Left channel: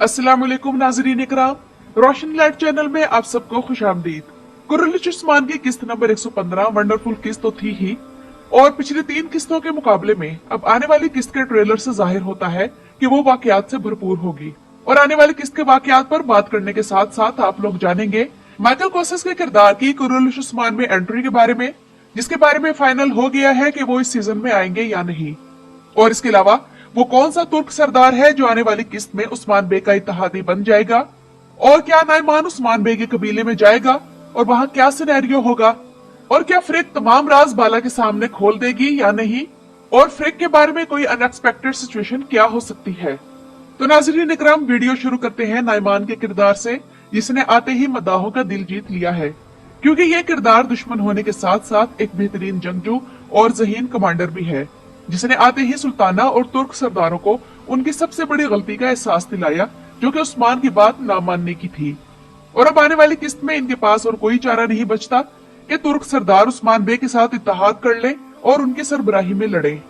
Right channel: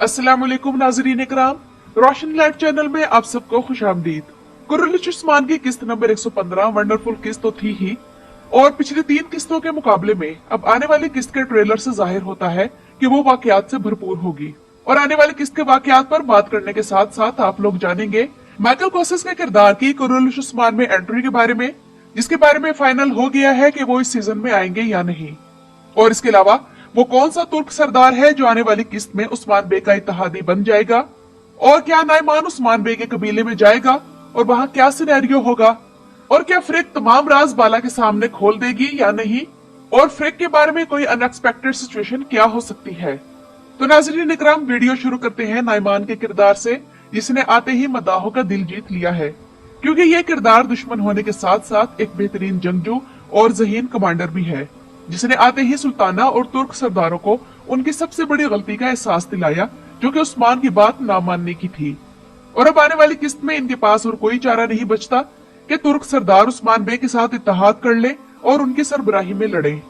अस्सलाम वालेकुम नाज़रीन इकराम, रोशनी लाइट चैनल में आप सबको खुशामदीद। कुर्रलिश उस्मान की किस्त नंबर 115 वंडरफुल किस्त तो थी ही, और पिछली 3 किस्तों के मुकाबले में अब आने वाली किस्त के ट्रेलर से जाहिर होता है कि वो वाकयात से भरपूर होगी। और आने वाली किस्त के वाकयात पर बात करने के साथ साथ आप लोग जानेंगे माइकल कोसेस के किरदार की कुर्रलिश उस्मान में एंट्री के बारे में, जिसके बारे में फाइनल हो गया है कि वो इस सीजन में आएंगे या नहीं। और इसके अलावा वो कौन सा तुर्क सरदार है जो आने वाली किस्त में उस्मान बे का इत्तेहादी बन जाएगा, और क्या नाइमान उस्मान बे के कबीले में जाएगा और वहां क्या सिनेरियो होगा, और क्या फ्रिक तमाम राज बाला के सामने खोल देगी या नहीं, और फ्रिक के बारे में कोई अनएक्सपेक्टेड सिचुएशन क्या हो सकती है। तो नाज़रीन इकराम, वीडियो शुरू करते हैं नाइमान के किरदार से, जिसने आते ही मदाहों का दिल जीत लिया है, क्योंकि ये किरदार दुश्मन होने के साथ साथ एक बेहतरीन जंगजू और ज़हीन कमांडर भी है, जिसने आते ही सुल्ताना और तुर्क सरदारों को उनकी सबसे बड़ी गलती का एहसास दिलाया, जो कि उस्मान की बात न मानने की थी। और अब आने वाली किस्त में इनके पास और कोई चारा नहीं बचता कि तुर्क सरदार उस्मान बे के साथ इत्तेहाद कर ले और उनकी सरबराही में लड़े।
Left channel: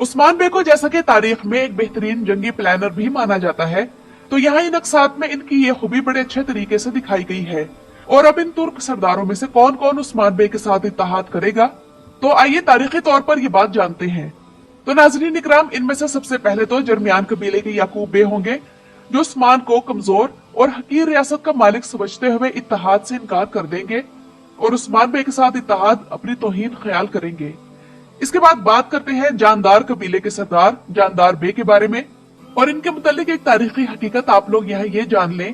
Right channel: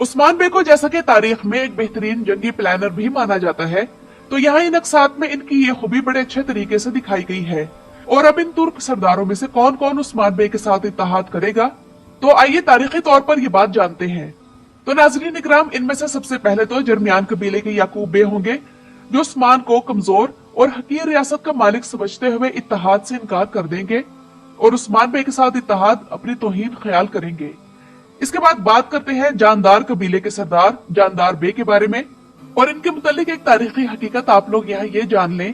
उस्मान बे को जैसा कि तारीख में एक बेहतरीन जंगी प्लानर भी माना जाता है, तो यहाँ इन अक्सात में इनकी ये खूबी बड़े अच्छे तरीके से दिखाई गई है। और अब इन तुर्क सरदारों में से कौन कौन उस्मान बे के साथ इत्तेहाद करेगा, तो आइए तारीखी तौर पर ये बात जानते हैं। तो नाज़रीन इकराम, इनमें से सबसे पहले तो जर्मियान कबीले के याकूब बे होंगे, जो उस्मान को कमजोर और हकीर रियासत का मालिक समझते हुए इत्तेहाद से इनकार कर देंगे और उस्मान बे के साथ इत्तेहाद अपनी तौहीन ख्याल करेंगे। इसके बाद बात करते हैं जानदार कबीले के सरदार जानदार बे के बारे में, और इनके मुतालिक एक तारीखी हकीकत आप लोग यहाँ ये जान लें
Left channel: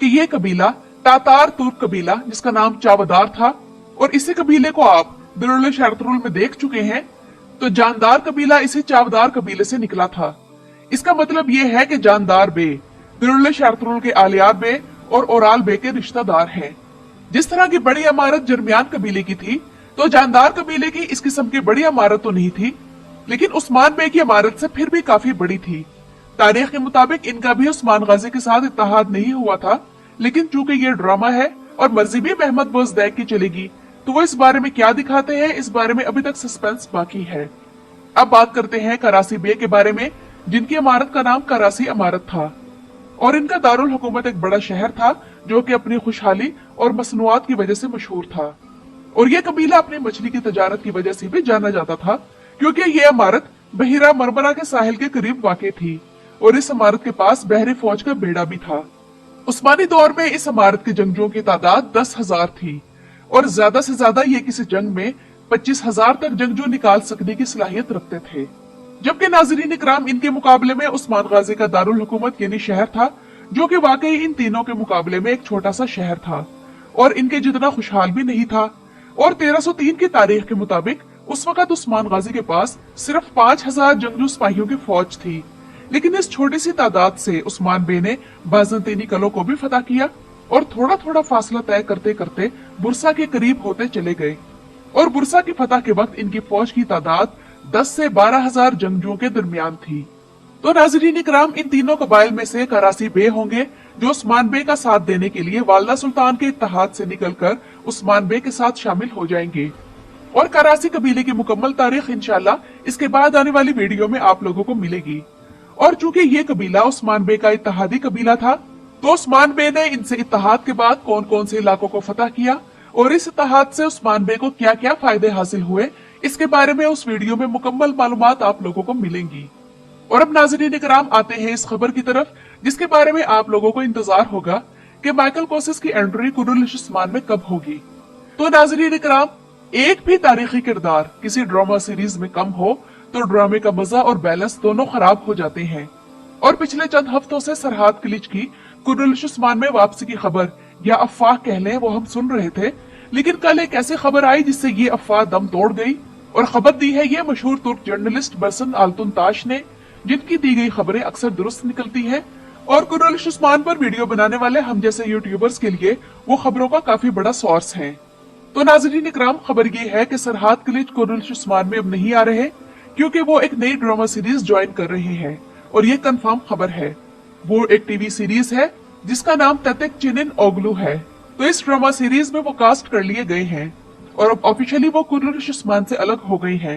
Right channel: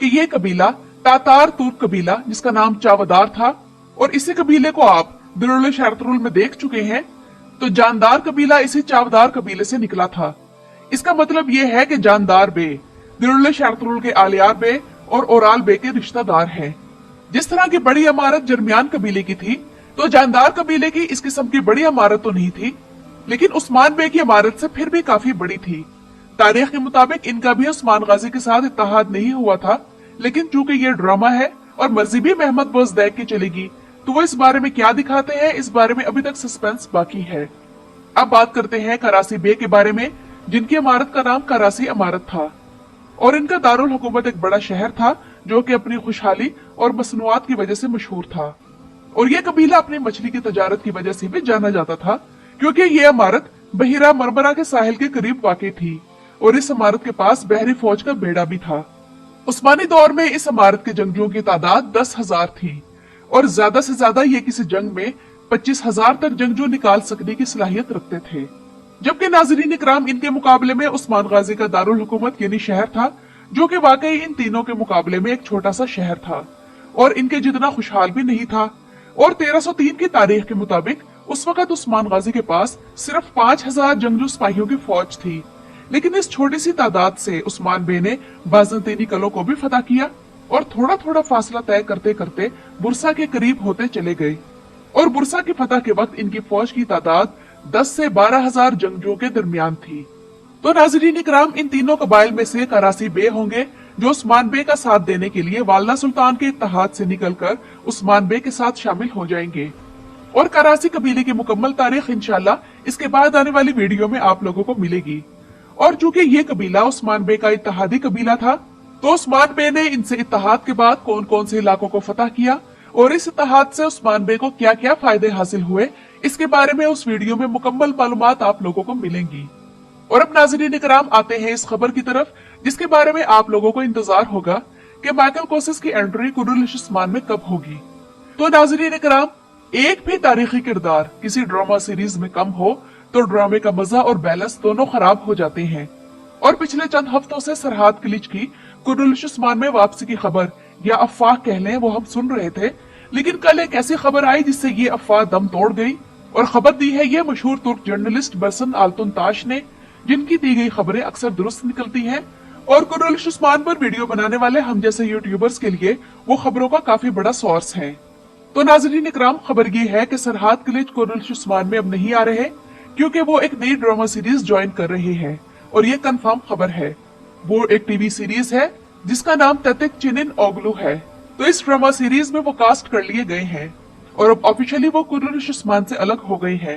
कि ये कबीला तातार तुर्क कबीला, जिसका नाम चावदार था, और इसी कबीले को आप दिरुल शरतरुल में देख चुके हैं। तो जानदार कबीला इसी चावदार कबीले से निकला था। इसका मतलब ये है कि जानदार बे दिरुल शरतरुल के आलियार बे और ओराल बे के रिश्तेदार हैं। जिस तरह की बड़ी इमारत जर्मियान कबीले की थी, तो जानदार कबीले की इस किस्म की बड़ी इमारत तो नहीं थी, लेकिन उस्मान बे की इमारत से फिर भी काफी बड़ी थी। तारीख के मुताबिक इनका भी उस्मान गाजी के साथ इत्तेहाद नहीं हुआ था, लेकिन चूंकि ये ड्रामा है और मर्जी भी महमद बोजदैक की चलेगी, तो वो इस बारे में क्या दिखाते हैं, इस बारे में अभी तक सस्पेंस बाकी है। अब बात करते हैं करासी बे के बारे में, जिनकी इमारत का नाम करासी इमारत था, और इनका दारुल हुकूमत एक बड़ा शहर था जो कि अपनी खुशहाली और मसनूआत की वजह से मशहूर था। और यह कबीला अपनी मछली की तजारत की वजह से भी जाना जाता था, क्योंकि ये इमारत बहिरा मरमरा के साहिल के करीब वाक़ थी, और इस इमारत के पास बहरी फौज का बेड़ा भी था। उस्मानी दौर में इस इमारत के जंगजुओं की तादाद 10,000 थी, और ज्यादा से ज्यादा ये किसी जंग में 25,000 तक जंगजू निकाल सकने की सलाहियत रखते थे। जबकि नाज़रीन इकराम, इनके मुकाबले में उस्मान गाजी का दारुल हुकूमत यानी शहर था, जो कि वाकई इन तीनों के मुकाबले में एक छोटा सा शहर था और इनके जितना खुशहाल भी नहीं था। और 1303 की तारीख के मुताबिक उस वक्त उस्मान गाजी के पास सिर्फ 5,000 जंगजू सिपाहियों की फौज थी, लेकिन इस छोटी सी तादाद से उस्मान बे ने बाज़ंतीनी कलों को भी फतह किया और थोड़ा थोड़ा फासला तय करते करते बुरसा के करीब होते चले गए। और बुरसा की फतह के वक्त इनकी फौज की तादाद 10 से 12,000 जंगजुओं के दरमियान थी। तो नाज़रीन इकराम, इन तीनों कबाइल में से करासी बे होंगे जो उस्मान बे का साथ देने के लिए वालदा सुल्तान के इत्तेहाद से निकलकर उस्मान बे के साथ शामिल हो जाएंगे। और करासी कबीले की मुकम्मल तारीख इंशाल्लाह इसके बाद आने वाली वीडियो में आप लोगों को मिलेगी। और चूंकि ये कबीला उस्मान बे का इत्तेहादी कबीला था, तो उस्मान बे ने इनसे इत्तेहाद के बाद कौन कौन से इलाकों को फतह किया और इस इत्तेहाद से उस्मान बे को क्या क्या फायदे हासिल हुए, इसके बारे में उस वीडियो में मुकम्मल मालूमात आप लोगों को मिलेंगी। और अब नाज़रीन इकराम, आते हैं इस खबर की तरफ, जिसके बारे में आप लोगों को इंतजार होगा कि माइकल कोसेस की एंट्री कुर्रलिश उस्मान में कब होगी। तो नाज़रीन इकराम, एक भी तारीखी किरदार किसी ड्रामा सीरीज में कम हो तो ड्रामे का मजा और बैलेंस दोनों खराब हो जाते हैं। और पिछले चंद हफ्तों से सरहाद किलिच की कुर्रलिश उस्मान में वापसी की खबर या अफवाह कह लें, वो हम सुन रहे थे, लेकिन कल एक ऐसी खबर आई जिससे ये अफवाह दम तोड़ गई। और खबर दी है ये मशहूर तुर्क जर्नलिस्ट बरसन आल्तुनताश ने, जिनकी दी गई खबरें अक्सर दुरुस्त निकलती हैं, और कुर्रलिश उस्मान पर वीडियो बनाने वाले हम जैसे यूट्यूबर्स के लिए वो खबरों का काफी बड़ा सोर्स है। तो नाज़रीन इकराम, खबर ये है कि सरहाद किलिच कुर्रलिश उस्मान में अब नहीं आ रहे, क्योंकि वो एक नई ड्रामा सीरीज ज्वाइन कर रहे हैं, और ये कंफर्म खबर है। वो एक टीवी सीरीज है जिसका नाम तेतिक चिनिन ओगलू है। तो इस ड्रामा सीरीज में वो कास्ट कर लिए गए हैं और अब ऑफिशियली वो कुर्रलिश उस्मान से अलग हो गई है।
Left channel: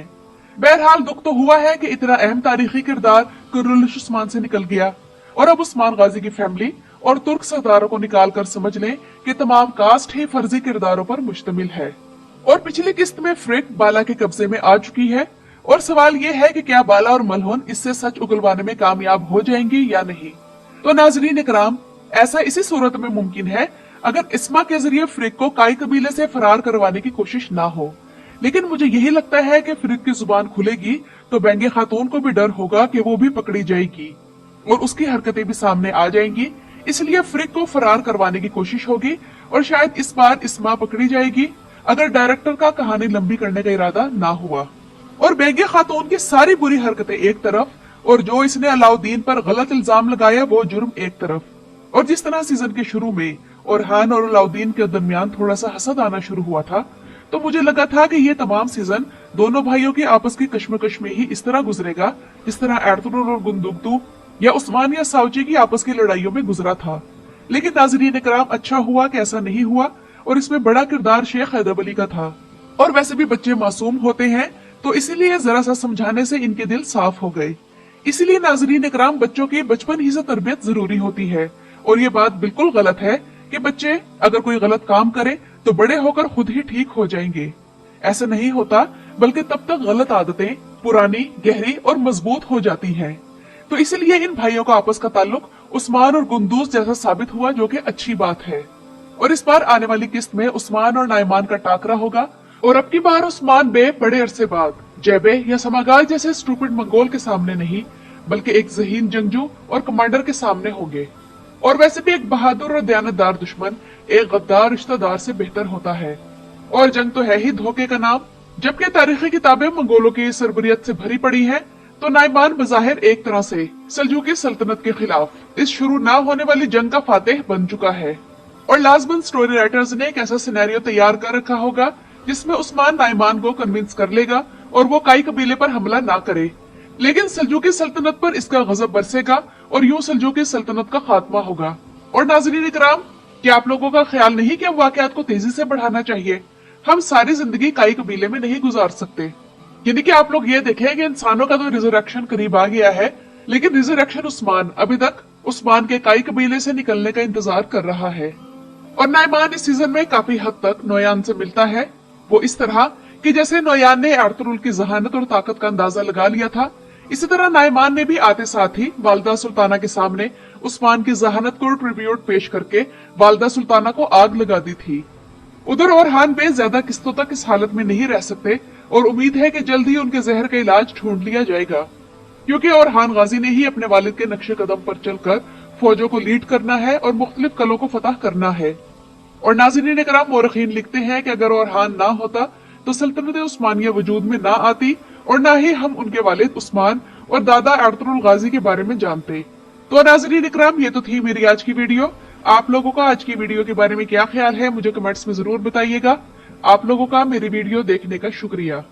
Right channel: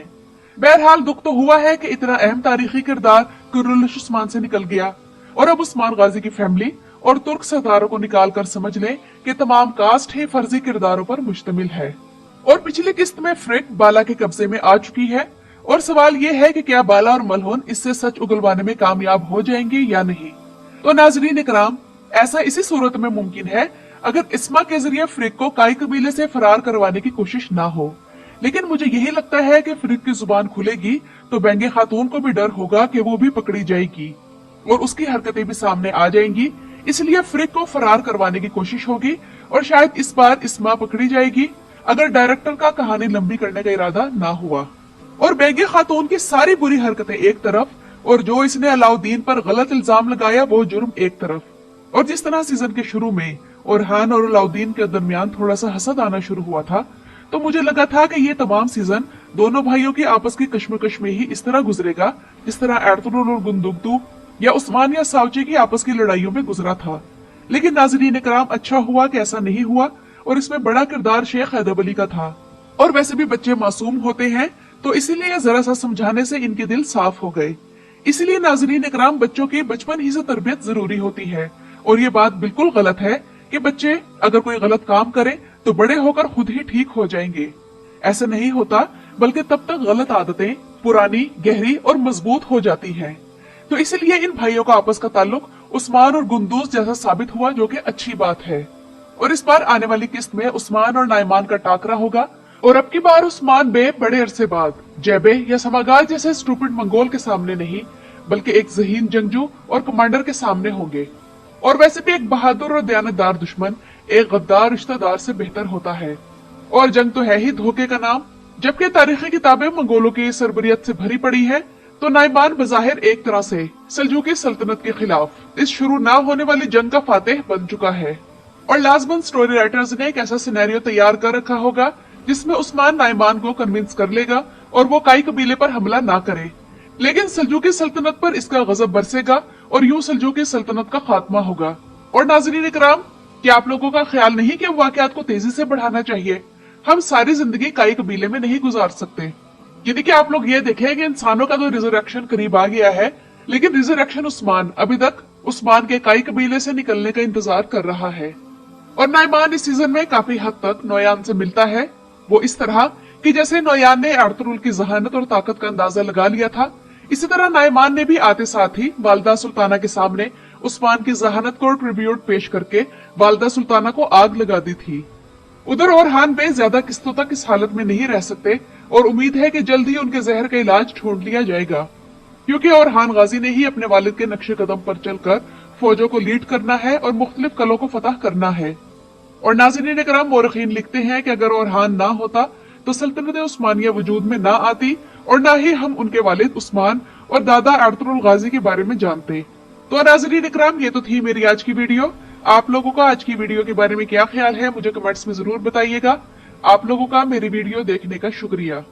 बहरहाल दुख तो हुआ है कि इतना अहम तारीखी किरदार कुर्रलिश उस्मान से निकल गया, और अब उस्मान गाजी की फैमिली और तुर्क सरदारों को निकाल कर समझ लें कि तमाम कास्ट ही फर्जी किरदारों पर मुश्तमिल है। और पिछली किस्त में फ्रिक बाला के कब्जे में आ चुकी है और सवाल ये है कि क्या बाला और मलहोन इससे सच उगलवाने में कामयाब हो जाएंगे या नहीं। तो नाजरीन इकराम, ऐसा इसी सूरत में मुमकिन है अगर इस्मा के जरिए फ्रिक को काई कबीले से फरार करवाने की कोशिश ना हो। लेकिन मुझे यही लगता है कि फ्रिक की जुबान खुलेगी तो बेंगे खातून को भी डर होगा कि वो भी पकड़ी जाएगी और उसकी हरकतें भी सामने आ जाएंगी, इसलिए फ्रिक को फरार करवाने की कोशिश होगी और शायद इस बार इस्मा पकड़ी जाएगी अगर डायरेक्टर का कहानी लंबी करने का इरादा ना हुआ। और बेंगे खातून की सारी बुरी हरकतें एक तरफ और जो इसने अलाउद्दीन पर गलत इल्जाम लगाया वो जुर्म एक तरफ। और जिस तरह सीजन के शुरू में ओरहान और अलाउद्दीन के दरमियान थोड़ा सा हसद आना शुरू हुआ था, तो मुझे लगा था कि ये तमाम सीजन दोनों भाइयों के आपस के कश्मकश में ही इस तरह गुजरेगा जिस तरह एर्तुगरुल और गुंदुकतू या उस्मान या साउची की आपस की लड़ाइयों में गुजरा था। लेकिन नाजरीन इकराम, अच्छा हुआ कि ऐसा नहीं हुआ और इसमें बड़ा किरदार शेख हैदर अली का था। और वैसे भी बच्चे मासूम होते हैं तो इसीलिए जरा सा समझाने से इनके दिल साफ हो गए। इसलिए नाजरीन इकराम, बच्चों की बचपन ही से तरबियत जरूरी होती है और ये बात बिल्कुल गलत है कि बच्चे अगर कोई गलत काम करे तो बड़े होकर खुद ही ठीक हो जाएंगे। ऐसा नहीं होता, बल्कि तब तक गलत आदतें पुरानी, गहरी और मजबूत हो जाती हैं। तो इसलिए इन भाइयों का आपस का ताल्लुक उस्मान और गुंदूस जैसा साबित हुआ, जो कि अच्छी बात है। और इस बार आने वाली किस्त में उस्मान और नाइमान का टाकरा होगा और अब की बार उस्मान बे बड़े अरसे बाद जेबे या समागाल जैसे स्टूपिड मंगोल के सामने नहीं, बल्कि एक ज़हीन जंगजू और कमांडर के सामने होंगे। और वैसे भी एक बहादुर और दयानतदार दुश्मन एक गद्दार रिश्तेदार से बेहतर होता है। और जंग तो है ही धोखे का नाम। जबकि तारीखी किताबें मंगोलों की सरबरियत से भरी पड़ी है, तो नाइमान बजाहिर एक तरह से सल्जूकी सल्तनत के खिलाफ इस शुरू ना होने वाली जंग का फातेह बन चुका है। और लाजमन स्टोरी राइटर्स ने एक ऐसा सिनेरियो तैयार कर रखा होगा जिसमें उस्मान नाइमान को कन्विंस कर लेगा और वो काई कबीले पर हमला ना करे, लेकिन सल्जूकी सल्तनत पर इसका गजब बरसेगा और यूं सल्जूकी सल्तनत का खात्मा होगा। और नाज़रीन इकराम, क्या आप लोगों का ख्याल नहीं कि वाकयात को तेजी से बढ़ाना चाहिए? हम सारी जिंदगी काई कबीले में नहीं गुजार सकते। यानी कि आप लोग ये देखें कि इंसानों का तो रिजरेक्शन करीब आ गया है, लेकिन रिजरेक्शन उस्मान अभी तक उस्मान के काई कबीले से निकलने का इंतजार कर रहा है। और नाइमान इस सीजन में काफी हद तक नोयान से मिलता है, वो इस तरह कि जैसे नोयान ने एर्तुगरुल की जहानत और ताकत का अंदाजा लगा लिया था, इसी तरह नाइमान ने भी आते साथ ही वालदा सुल्ताना के सामने उस्मान की जहानत को ट्रिब्यूट पेश करके वालदा सुल्ताना को आग लगा दी थी। उधर ओरहान बे ज्यादा किस्तों तक इस हालत में नहीं रह सकते और उम्मीद है कि जल्द ही उनके जहर का इलाज ढूंढ लिया जाएगा, क्योंकि ओरहान गाजी ने ही अपने वालिद के नक्शे कदम पर चलकर फौजों को लीड करना है और मुख्तलिफ कलों को फतह करना है। और नाज़रीन इकराम, मोरखीन लिखते हैं कि अगर ओरहान ना होता तो सल्तनत उस्मानिया वजूद में ना आती और ना ही हम उनके वालिद उस्मान और दादा एर्तुगरुल गाजी के बारे में जानते। तो नाज़रीन इकराम, ये तो थी मेरी आज की वीडियो। आप लोगों का आज की वीडियो के बारे में क्या ख्याल है, मुझे कमेंट्स में जरूर बताइएगा। आप लोगों का मेरी वीडियो देखने का शुक्रिया।